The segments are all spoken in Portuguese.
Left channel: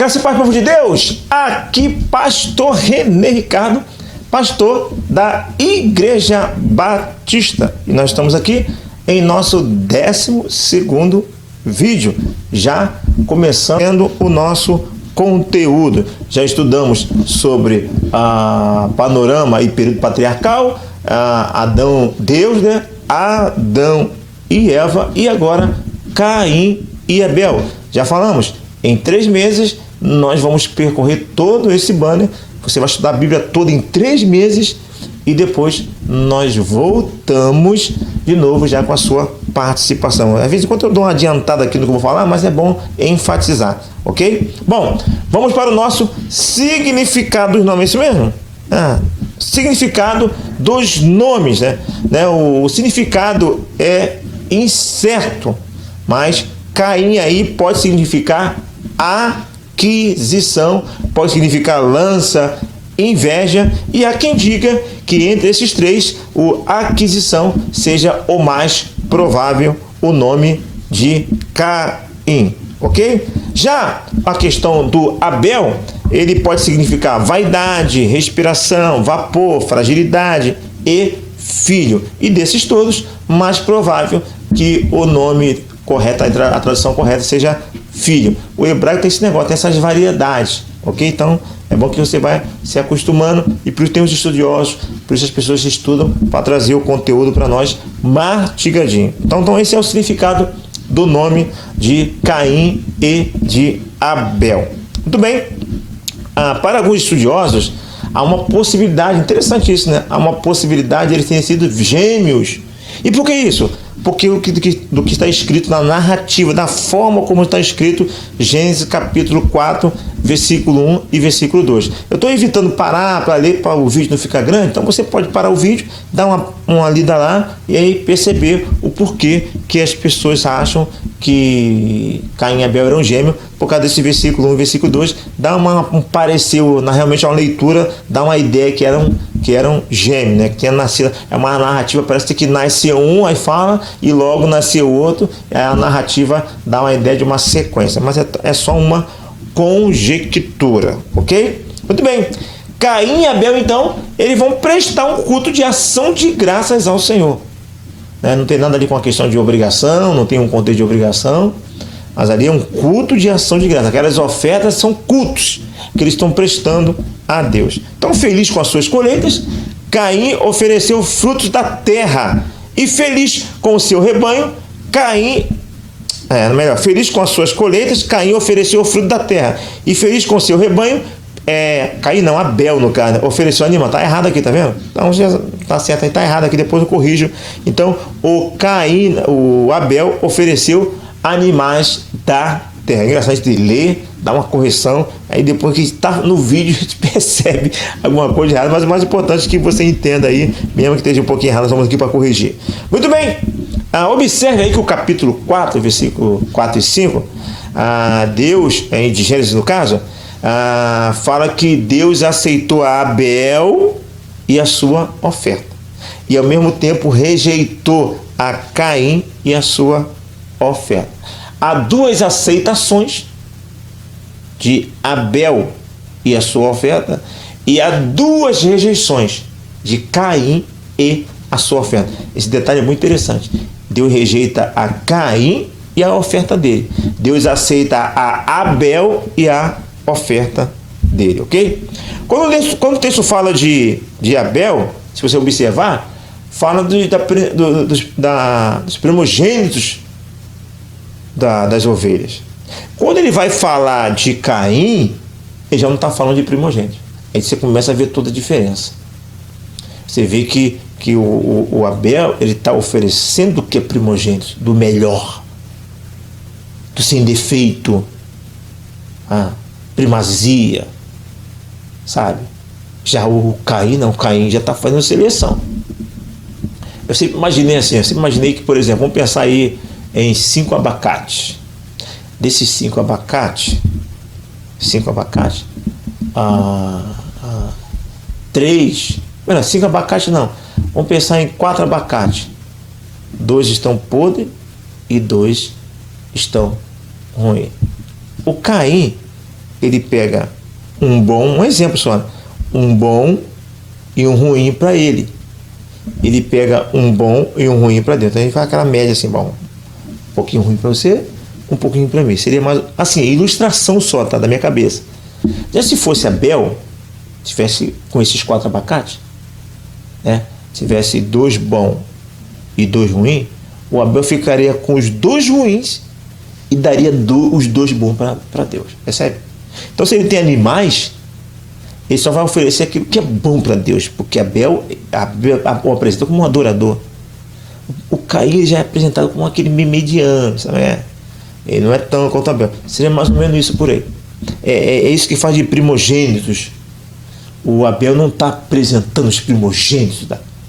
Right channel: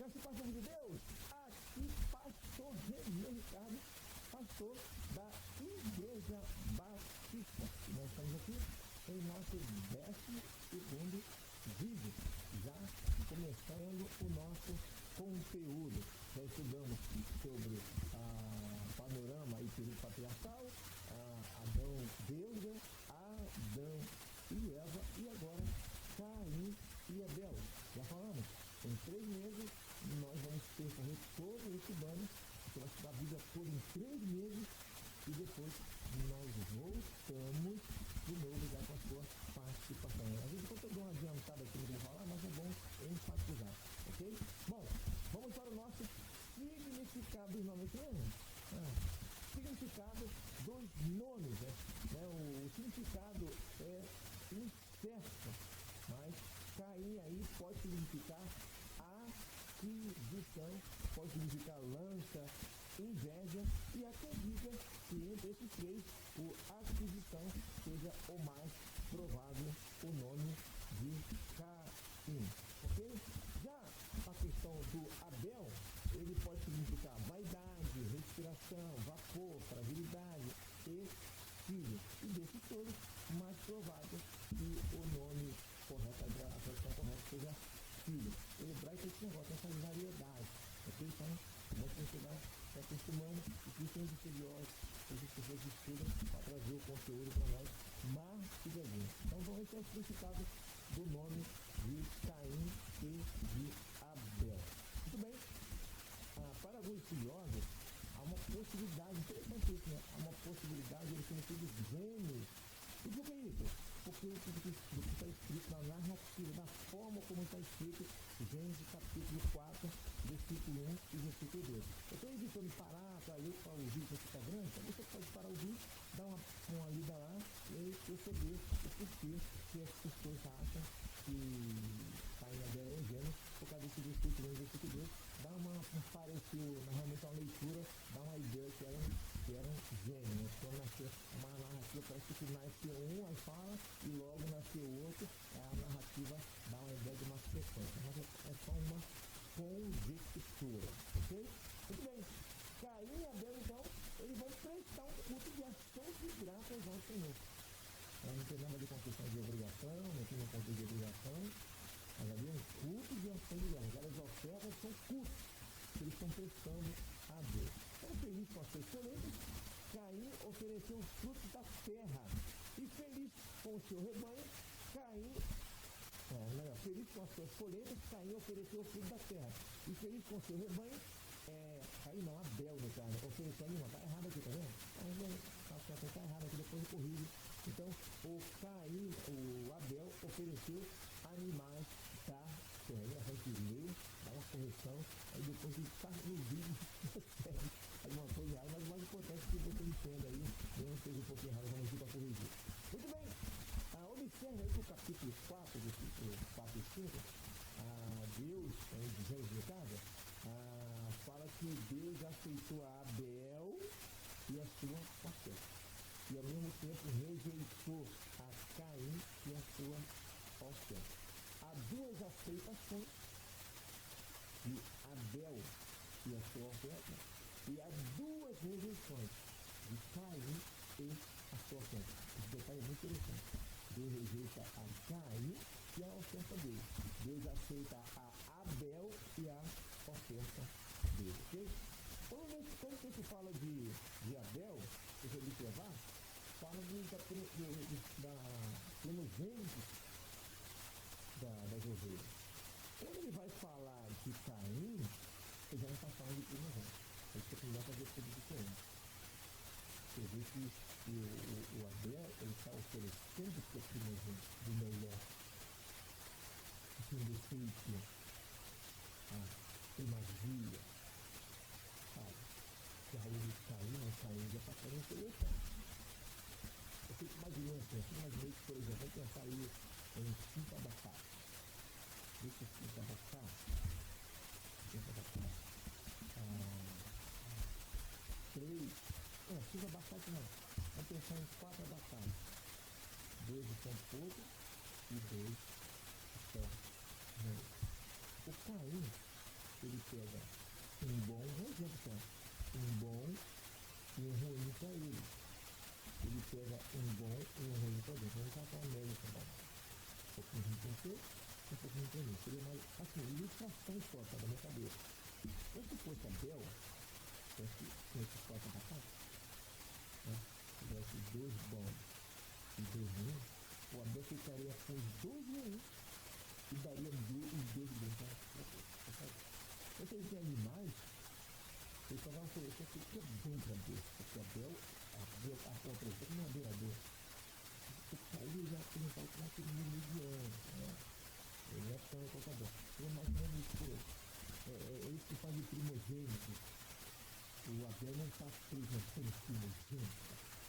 Graça e paz, povo de Deus. Aqui pastor René Ricardo, pastor da Igreja Batista. E nós estamos aqui em nosso 12º vídeo, já começando o nosso conteúdo. Já estudamos sobre panorama e período patriarcal, Adão, Deus, né? Adão e Eva, e agora Caim e Abel. Já falamos, em 3 meses nós vamos percorrer todo esse banner. Você vai estudar a Bíblia toda em 3 meses e depois nós voltamos de novo já com a sua participação. Às vezes, enquanto eu dou uma adiantada aqui no que eu vou falar, mas é bom enfatizar, ok? Bom, vamos para o nosso significado dos nomes, é isso mesmo? Significado dos nomes, né? O significado é incerto, mas Caim aí pode significar aquisição, pode significar lança, inveja, e há quem diga que entre esses 3, o aquisição seja o mais provável, o nome de Caim, ok? Já a questão do Abel, ele pode significar vaidade, respiração, vapor, fragilidade e filho. E desses todos, mais provável que o nome correto, a tradução correta seja filho. O hebraico tem esse negócio, tem essas variedades, ok? Então, é bom que você vai se acostumando, e por isso tem os estudiosos, por isso as pessoas estudam para trazer o conteúdo para nós mastigadinho. Então, esse é o significado do nome de Caim e de Abel. Muito bem. Para alguns estudiosos, há uma possibilidade, interessante isso, né? Há uma possibilidade de eles terem sido gêmeos. E por que isso? Porque do que está escrito na narrativa, da forma como está escrito, Gênesis capítulo 4, versículo 1 e versículo 2. Eu estou evitando parar para ler, para o vídeo não ficar grande, então você pode parar o vídeo, dar uma lida lá e aí perceber o porquê que as pessoas acham que Caim e Abel eram gêmeos, por causa desse versículo 1 e versículo 2, dá um parecer, realmente uma leitura, dá uma ideia que eram gêmeos, né? Que tinha nascido, é uma narrativa, parece que nasceu um, aí fala, e logo nasceu outro, a narrativa dá uma ideia de uma sequência, mas é só uma conjectura, ok? Muito bem. Caim e Abel, então, eles vão prestar um culto de ação de graças ao Senhor. Não tem nada ali com a questão de obrigação, não tem um contexto de obrigação, mas ali é um culto de ação de graça. Aquelas ofertas são cultos que eles estão prestando a Deus. Então, feliz com as suas colheitas, Caim ofereceu frutos da terra, e feliz com o seu rebanho, feliz com as suas colheitas, Caim ofereceu o fruto da terra, e feliz com o seu rebanho, Abel, no caso, ofereceu animal. Está errado aqui, tá vendo? Então já está certo, está errado aqui, depois eu corrijo. Então, o Abel ofereceu animais da terra. É engraçado de ler, dar uma correção, aí depois que está no vídeo a gente percebe alguma coisa errada, mas o mais importante é que você entenda aí, mesmo que esteja um pouquinho errado, nós vamos aqui para corrigir. Muito bem, observe aí que o capítulo 4, versículo 4 e 5, Deus, de Gênesis no caso, fala que Deus aceitou a Abel e a sua oferta, e ao mesmo tempo rejeitou a Caim e a sua oferta. Há 2 aceitações de Abel e a sua oferta, e há 2 rejeições de Caim e a sua oferta. Esse detalhe é muito interessante. Deus rejeita a Caim e a oferta dele. Deus aceita a Abel e a oferta dele, ok? Quando o texto fala de Abel, se você observar, fala dos primogênitos das ovelhas. Quando ele vai falar de Caim, ele já não está falando de primogênito. Aí você começa a ver toda a diferença. Você vê que o Abel, ele está oferecendo o que é primogênito, do melhor, do sem defeito, primazia, sabe? Já o Caim não, o Caim já está fazendo seleção. Eu sempre imaginei assim, que, por exemplo, vamos pensar aí em 5 abacates. Desses 5 abacates, 5 abacates não. Vamos pensar em 4 abacates. 2 estão podres e 2 estão ruins. O Caim, ele pega um bom, um exemplo só, um bom e um ruim para ele. Ele pega um bom e um ruim para Deus. Então ele faz aquela média assim, bom, um pouquinho ruim para você, um pouquinho para mim. Seria mais, assim, ilustração só, tá, da minha cabeça. Já se fosse Abel, tivesse com esses 4 abacates, né, tivesse 2 bons e 2 ruins, o Abel ficaria com os 2 ruins e daria os 2 bons para Deus. Percebe? Então, se ele tem animais, ele só vai oferecer aquilo que é bom para Deus, porque Abel o apresentou como um adorador. O Caim já é apresentado como aquele mediano, sabe? Ele não é tão quanto Abel. Seria mais ou menos isso por aí. É isso que faz de primogênitos. O Abel não está apresentando os primogênitos,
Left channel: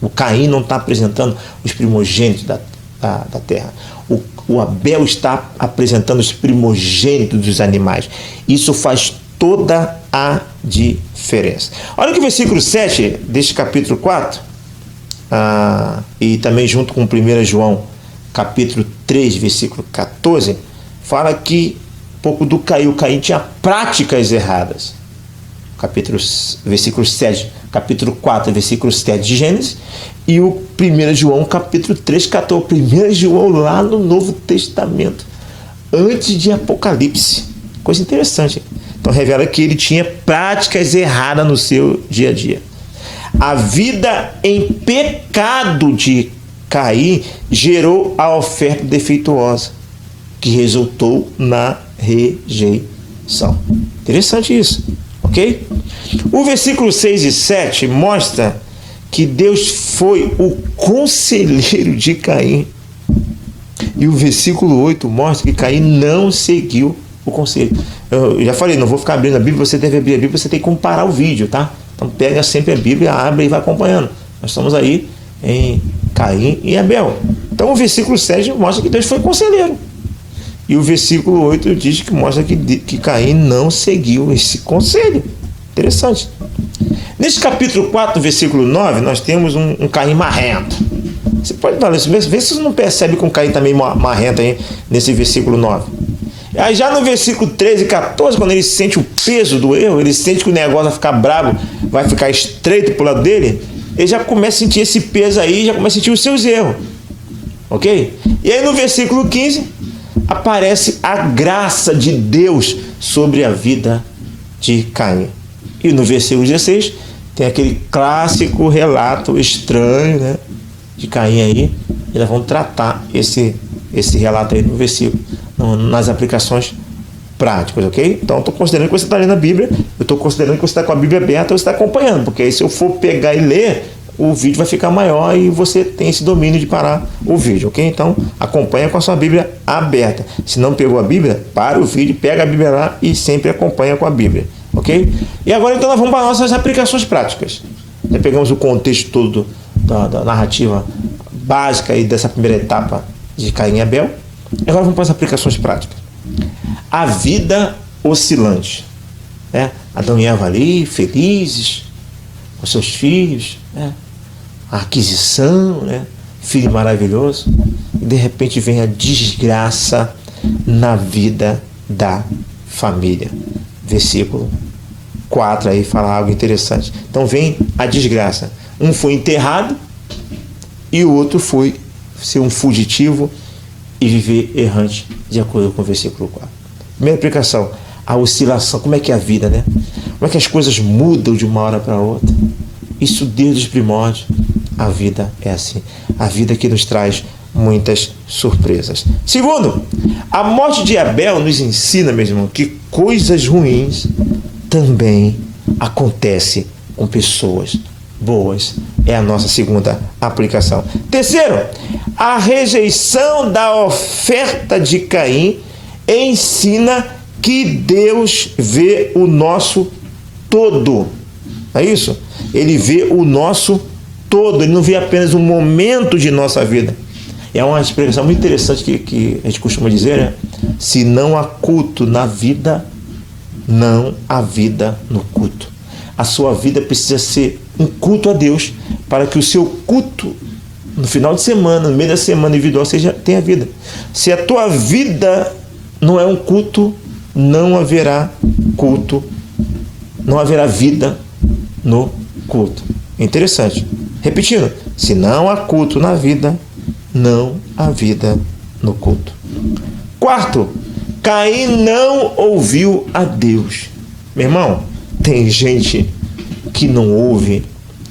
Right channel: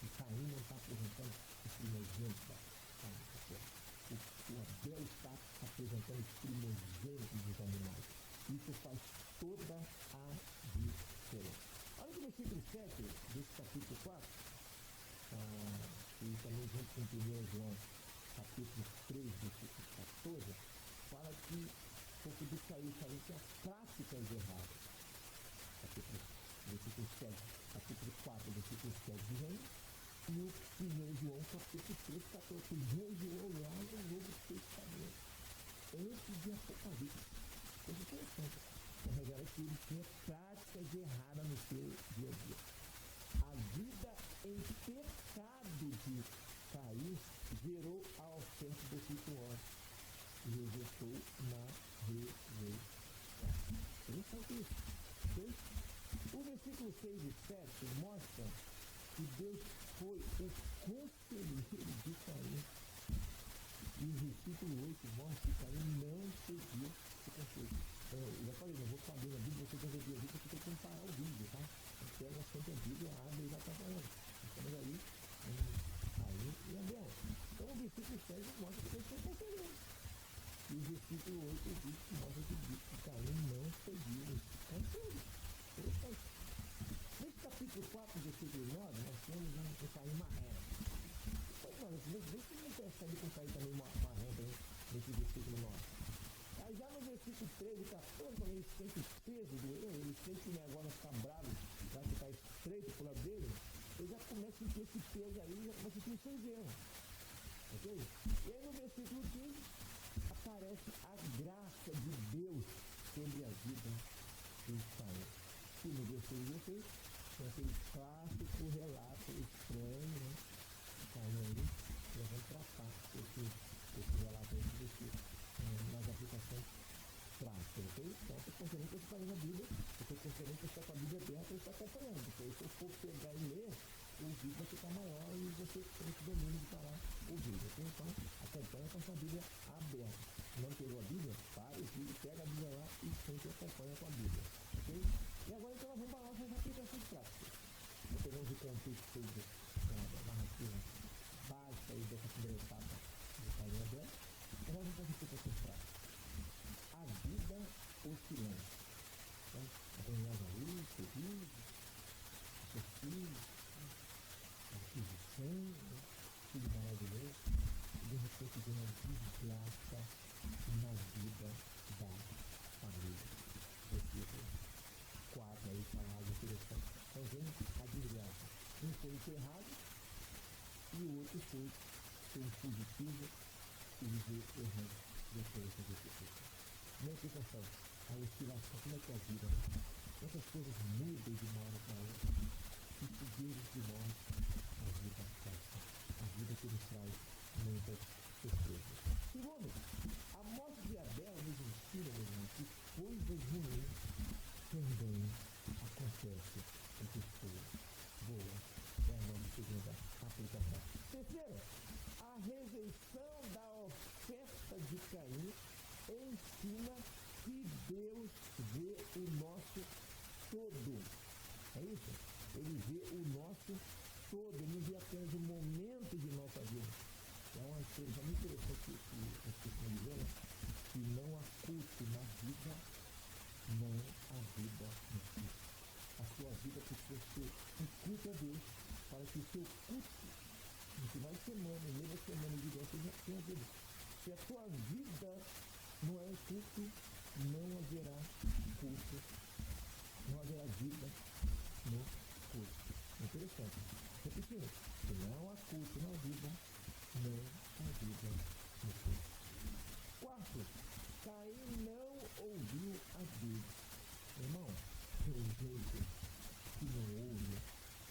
o Caim não está apresentando os primogênitos da terra. O Abel está apresentando os primogênitos dos animais. Isso faz toda a diferença. Olha que o versículo 7 deste capítulo 4, e também junto com 1 João, capítulo 3, versículo 14, fala que um pouco do Caim. O Caim tinha práticas erradas. Versículo 7, capítulo 4, versículo 7 de Gênesis, e o 1 João, capítulo 3, 14. 1 João lá no Novo Testamento, antes de Apocalipse. Coisa interessante. Então revela que ele tinha práticas erradas no seu dia a dia. A vida em pecado de Caim gerou a oferta defeituosa, que resultou na rejeição. Interessante isso, ok? O versículo 6 e 7 mostra que Deus foi o conselheiro de Caim. E o versículo 8 mostra que Caim não seguiu o conselho. Eu já falei, não vou ficar abrindo a Bíblia, você deve abrir a Bíblia, você tem que comparar o vídeo, tá? Então pega sempre a Bíblia, abre e vai acompanhando. Nós estamos aí em Caim e Abel. Então o versículo 7 mostra que Deus foi conselheiro. E o versículo 8 diz que mostra que Caim não seguiu esse conselho. Interessante. Nesse capítulo 4, versículo 9, nós temos um Caim marrento. Você pode falar isso, vê se você não percebe que um Caim também marrento aí nesse versículo 9. Aí já no versículo 13 e 14, quando ele sente o peso do erro, ele sente que o negócio vai ficar bravo, vai ficar estreito pro lado dele, ele já começa a sentir esse peso aí, já começa a sentir os seus erros. Ok? E aí no versículo 15, aparece a graça de Deus sobre a vida de Caim. E no versículo 16, tem aquele clássico relato estranho, né, de Caim aí. E nós vamos tratar esse relato aí no versículo, nas aplicações práticas, ok? Então, eu estou considerando que você está lendo a Bíblia, eu estou considerando que você está com a Bíblia aberta, você está acompanhando, porque aí se eu for pegar e ler, o vídeo vai ficar maior e você tem esse domínio de parar o vídeo, ok? Então, acompanha com a sua Bíblia aberta. Se não pegou a Bíblia, para o vídeo, pega a Bíblia lá e sempre acompanha com a Bíblia, ok? E agora, então, nós vamos para as nossas aplicações práticas. Já pegamos o contexto todo da narrativa básica e dessa primeira etapa de Caim e Abel. Agora vamos para as aplicações práticas. A vida oscilante, né? Adão e Eva ali, felizes, com seus filhos, né? A aquisição, né? Filho maravilhoso. E de repente vem a desgraça na vida da família. Versículo 4 aí fala algo interessante. Então vem a desgraça. Um foi enterrado e o outro foi ser um fugitivo e viver errante, de acordo com o versículo 4. Primeira aplicação, a oscilação. Como é que é a vida, né? Como é que as coisas mudam de uma hora para outra? Isso desde os primórdios. A vida é assim. A vida que nos traz muitas surpresas. Segundo, a morte de Abel nos ensina, meu irmão, que coisas ruins também acontecem com pessoas boas. É a nossa segunda aplicação. Terceiro, a rejeição da oferta de Caim ensina que Deus vê o nosso todo. É isso? Ele vê o nosso todo, ele não vê apenas um momento de nossa vida. É uma expressão muito interessante que a gente costuma dizer, né? Se não há culto na vida, não há vida no culto. A sua vida precisa ser um culto a Deus, para que o seu culto no final de semana, no meio da semana individual, tenha vida. Se a tua vida não é um culto, não haverá culto, não haverá vida no culto. Interessante. Repetindo, se não há culto na vida, não há vida no culto. Quarto, Caim não ouviu a Deus. Meu irmão, tem gente que não ouve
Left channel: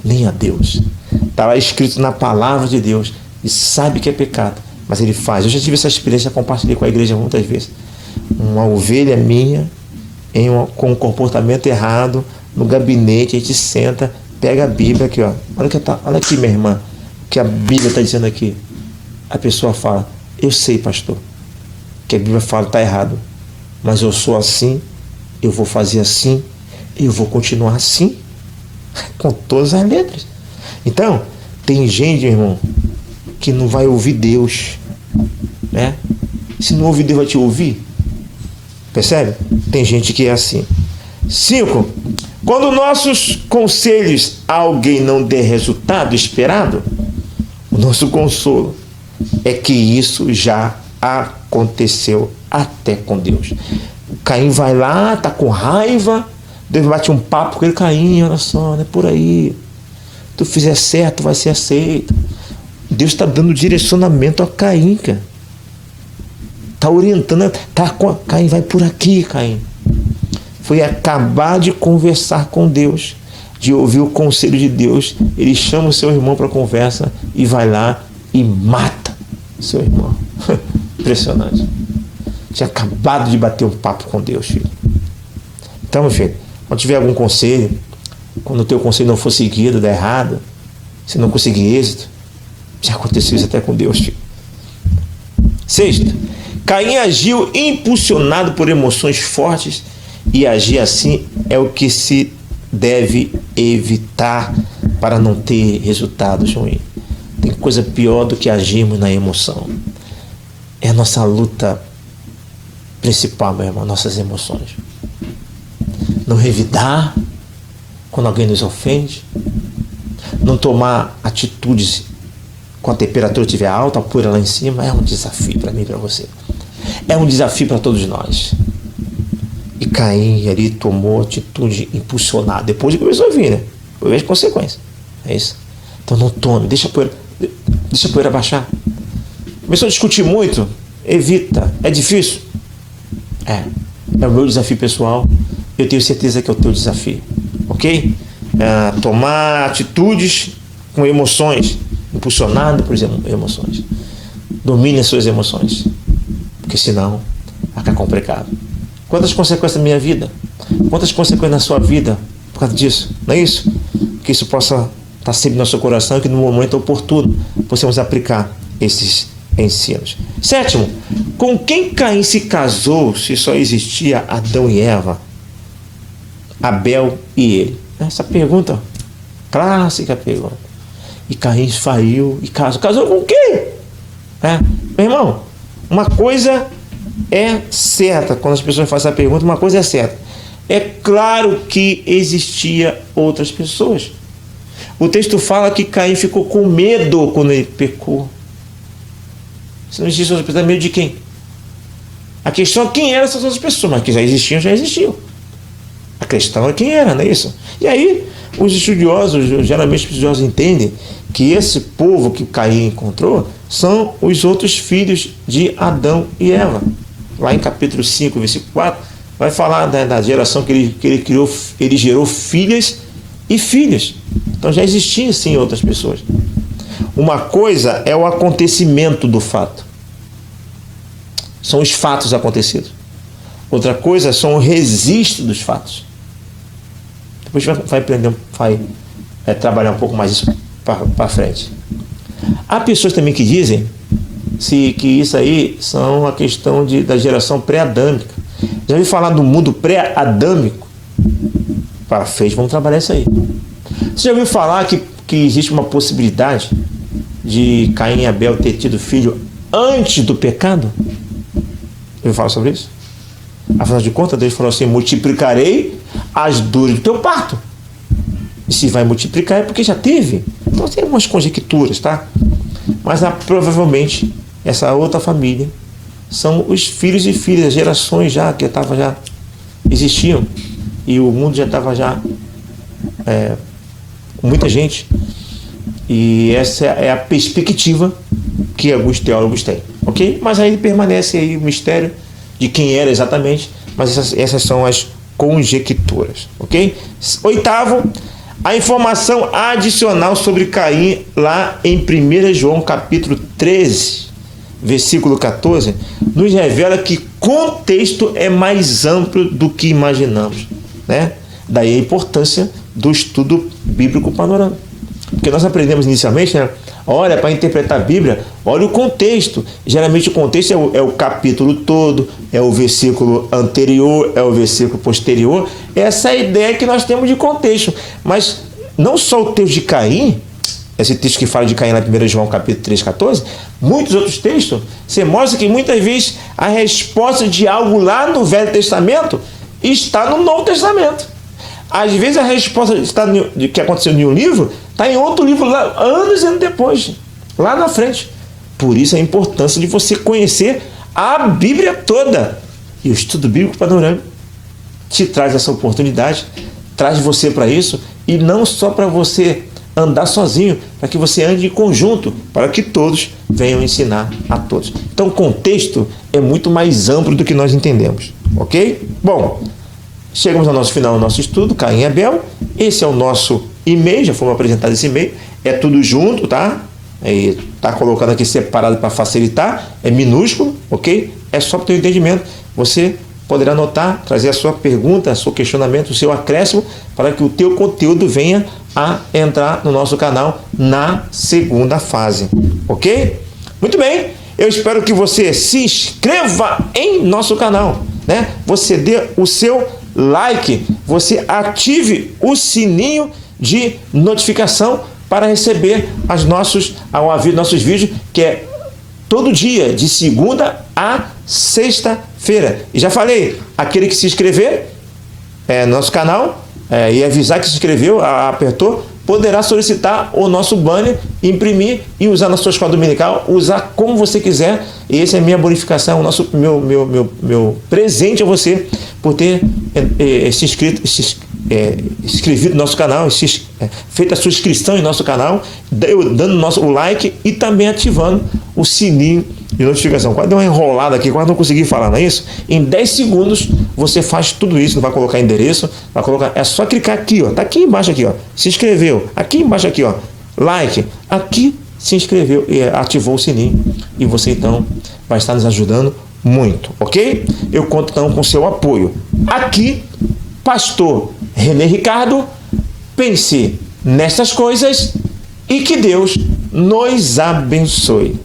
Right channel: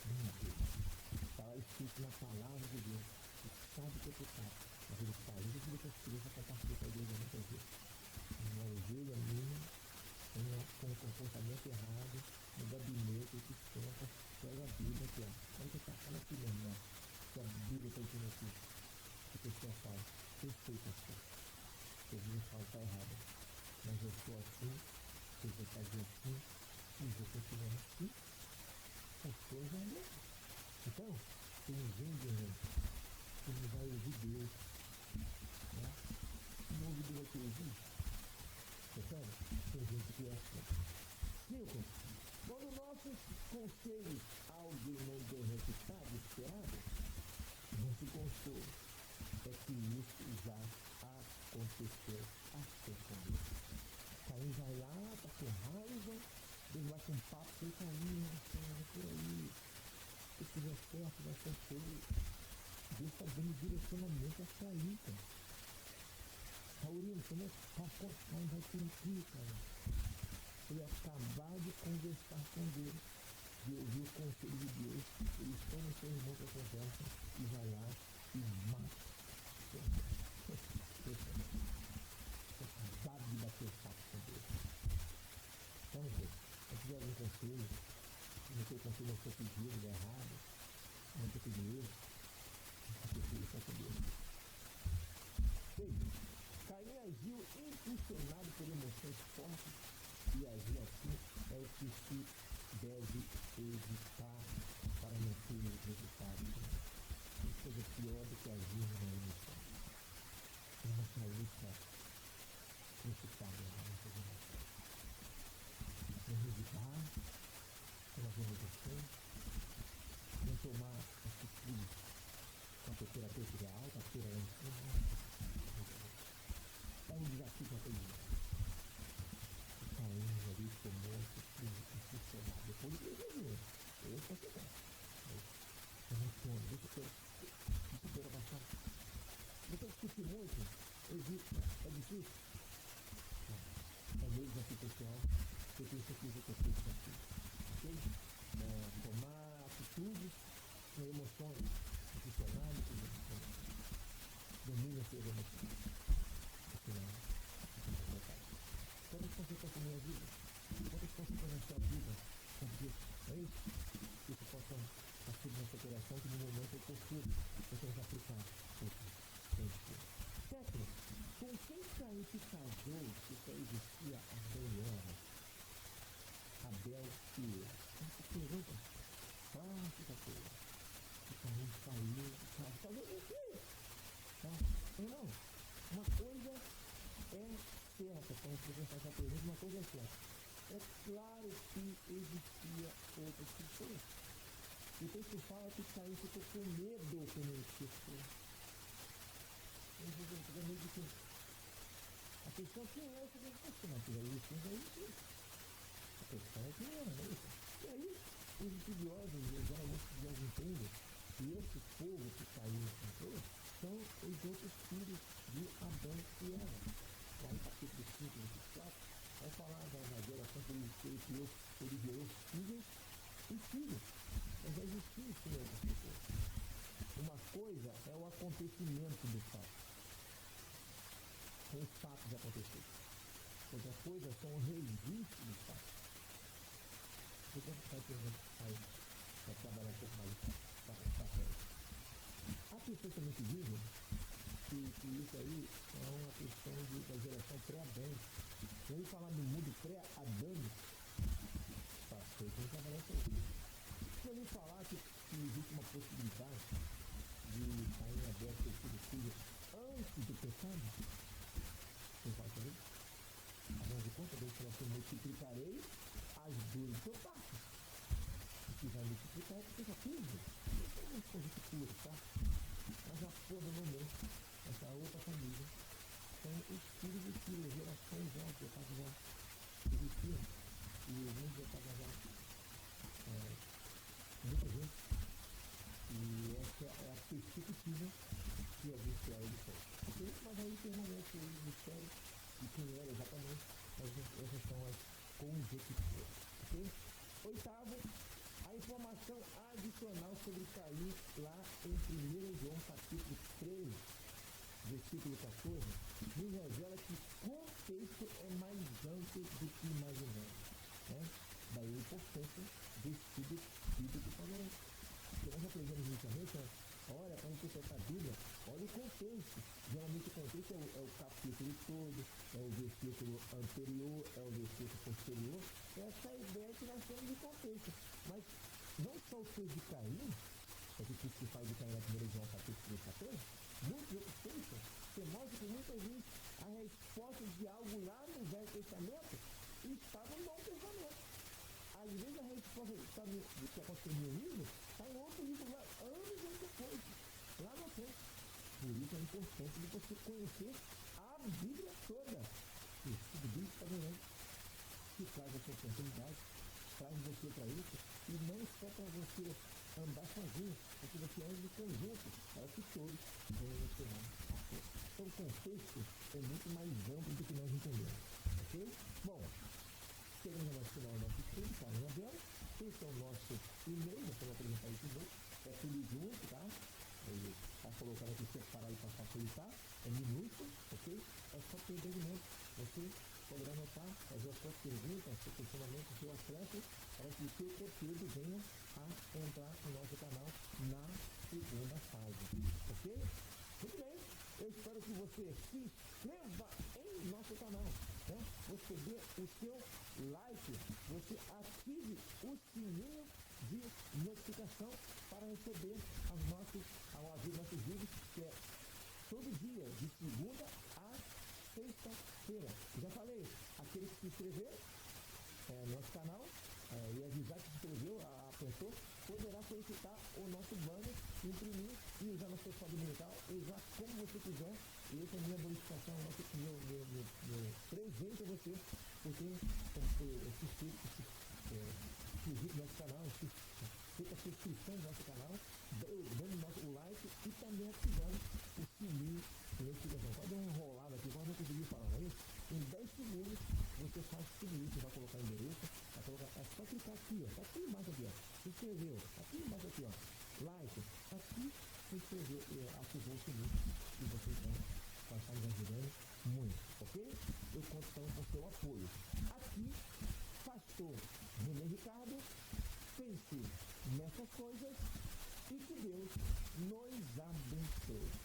nem a Deus. Está lá escrito na palavra de Deus e sabe que é pecado, mas ele faz. Eu já tive essa experiência, compartilhei com a igreja muitas vezes. Uma ovelha minha com um comportamento errado no gabinete, a gente senta, pega a Bíblia aqui, ó. Olha aqui, minha irmã, o que a Bíblia está dizendo aqui. A pessoa fala, eu sei, pastor, que a Bíblia fala está errado, mas eu sou assim, eu vou fazer assim, eu vou continuar assim, com todas as letras. Então, tem gente, meu irmão, que não vai ouvir Deus, né? Se não ouvir Deus, vai te ouvir? Percebe? Tem gente que é assim. 5. Quando nossos conselhos a alguém não der resultado esperado, o nosso consolo é que isso já aconteceu até com Deus. O Caim vai lá, tá com raiva, Deus bate um papo com ele, Caim, olha só, não é por aí. Tu fizer certo, vai ser aceito. Deus está dando direcionamento a Caim, cara. Está orientando, Caim, vai por aqui, Caim. Foi acabar de conversar com Deus, de ouvir o conselho de Deus, ele chama o seu irmão para conversa e vai lá e mata seu irmão. Impressionante. Tinha acabado de bater um papo com Deus, filho. Então, meu filho, quando tiver algum conselho, quando o teu conselho não for seguido, der errado, se não conseguir êxito, já aconteceu isso até com Deus, filho. 6. Caim agiu impulsionado por emoções fortes e agir assim é o que se deve evitar para não ter resultados ruins. Tem coisa pior do que agirmos na emoção. É a nossa luta principal, meu irmão, nossas emoções. Não revidar quando alguém nos ofende, não tomar atitudes quando a temperatura estiver alta, a poeira lá em cima, é um desafio para mim e para você. É um desafio para todos nós. E Caim ali tomou atitude impulsionada. Depois ele começou a vir, né? Eu vejo consequência. É isso. Então não tome, deixa a poeira baixar. Começou a discutir muito, evita. É difícil? É o meu desafio pessoal. Eu tenho certeza que é o teu desafio. Ok? Tomar atitudes com emoções, impulsionado por emoções. Domine as suas emoções, porque senão vai ficar complicado. Quantas consequências na minha vida? Quantas consequências na sua vida por causa disso? Não é isso? Que isso possa estar sempre no nosso coração e que no momento oportuno possamos aplicar esses ensinos. 7. Com quem Caim se casou se só existia Adão e Eva? Abel e ele? Essa pergunta, clássica pergunta. E Caim saiu e casou. Casou com quem? Meu irmão, uma coisa é certa. Quando as pessoas fazem essa pergunta, uma coisa é certa. É claro que existia outras pessoas. O texto fala que Caim ficou com medo quando ele pecou. Se não existe outra pessoa, medo de quem? A questão é quem eram essas outras pessoas, mas que já existiam. A questão é quem era, não é isso? E aí, os estudiosos, geralmente os estudiosos entendem que esse povo que Caim encontrou são os outros filhos de Adão e Eva. Lá em capítulo 5, versículo 4, vai falar da geração que ele criou, ele gerou filhas e filhos. Então já existiam sim outras pessoas. Uma coisa é o acontecimento do fato. São os fatos acontecidos. Outra coisa são o registro dos fatos. Depois a gente vai aprender, vai trabalhar um pouco mais isso para frente. Há pessoas também que dizem que isso aí são a questão da geração pré-adâmica. Já ouviu falar do mundo pré-adâmico? Para frente, vamos trabalhar isso aí. Você já ouviu falar que existe uma possibilidade de Caim e Abel ter tido filho antes do pecado? Eu falo sobre isso? Afinal de contas, Deus falou assim: multiplicarei as dores do teu parto. E se vai multiplicar é porque já teve. Então tem algumas conjecturas, tá? Mas provavelmente essa outra família são os filhos e filhas, as gerações já que já existiam, e o mundo já estava com muita gente. E essa é a perspectiva que alguns teólogos têm, ok? Mas aí permanece aí o mistério de quem era exatamente, mas essas são as conjecturas, ok? Oitavo, a informação adicional sobre Caim lá em 1 João capítulo 13, versículo 14, nos revela que contexto é mais amplo do que imaginamos, né? Daí a importância do estudo bíblico panorâmico. Porque nós aprendemos inicialmente, né? Olha, para interpretar a Bíblia, olha o contexto. Geralmente o contexto é o capítulo todo, é o versículo anterior, é o versículo posterior. Essa é a ideia que nós temos de contexto. Mas não só o texto de Caim, esse texto que fala de Caim lá em 1 João capítulo 3, 14, muitos outros textos, você mostra que muitas vezes a resposta de algo lá no Velho Testamento está no Novo Testamento. Às vezes a resposta que aconteceu em um livro está em outro livro lá, anos depois, lá na frente. Por isso a importância de você conhecer a Bíblia toda. E o estudo bíblico panorâmico te traz essa oportunidade, traz você para isso, e não só para você andar sozinho, para que você ande em conjunto, para que todos venham ensinar a todos. Então o contexto é muito mais amplo do que nós entendemos, ok? Bom, chegamos ao nosso final do nosso estudo, Caim e Abel. Esse é o nosso e-mail, já fomos apresentados esse e-mail. É tudo junto, tá? Tá colocando aqui separado para facilitar, é minúsculo, ok? É só para o teu entendimento. Você poderá anotar, trazer a sua pergunta, o seu questionamento, o seu acréscimo, para que o teu conteúdo venha a entrar no nosso canal na segunda fase, ok? Muito bem, eu espero que você se inscreva em nosso canal, né? Você dê o seu like, você ative o sininho de notificação para receber ao ouvir nossos vídeos, que é todo dia, de segunda a sexta-feira. E já falei, aquele que se inscrever no nosso canal e avisar que se inscreveu, apertou, poderá solicitar o nosso banner, imprimir e usar na sua escola dominical, usar como você quiser. E essa é a minha bonificação, meu presente a você por ter se inscrevido no nosso canal, feito a sua inscrição em nosso canal, dando o like e também ativando o sininho de notificação. Quase deu uma enrolada aqui, quase não consegui falar, não é isso? Em 10 segundos você faz tudo isso, não vai colocar endereço, vai colocar, é só clicar aqui, ó, tá aqui embaixo aqui, ó, se inscreveu, aqui embaixo aqui, ó, like, aqui se inscreveu e ativou o sininho, e você então vai estar nos ajudando muito, ok? Eu conto então com seu apoio. Aqui, Pastor René Ricardo, pense nessas coisas e que Deus nos abençoe.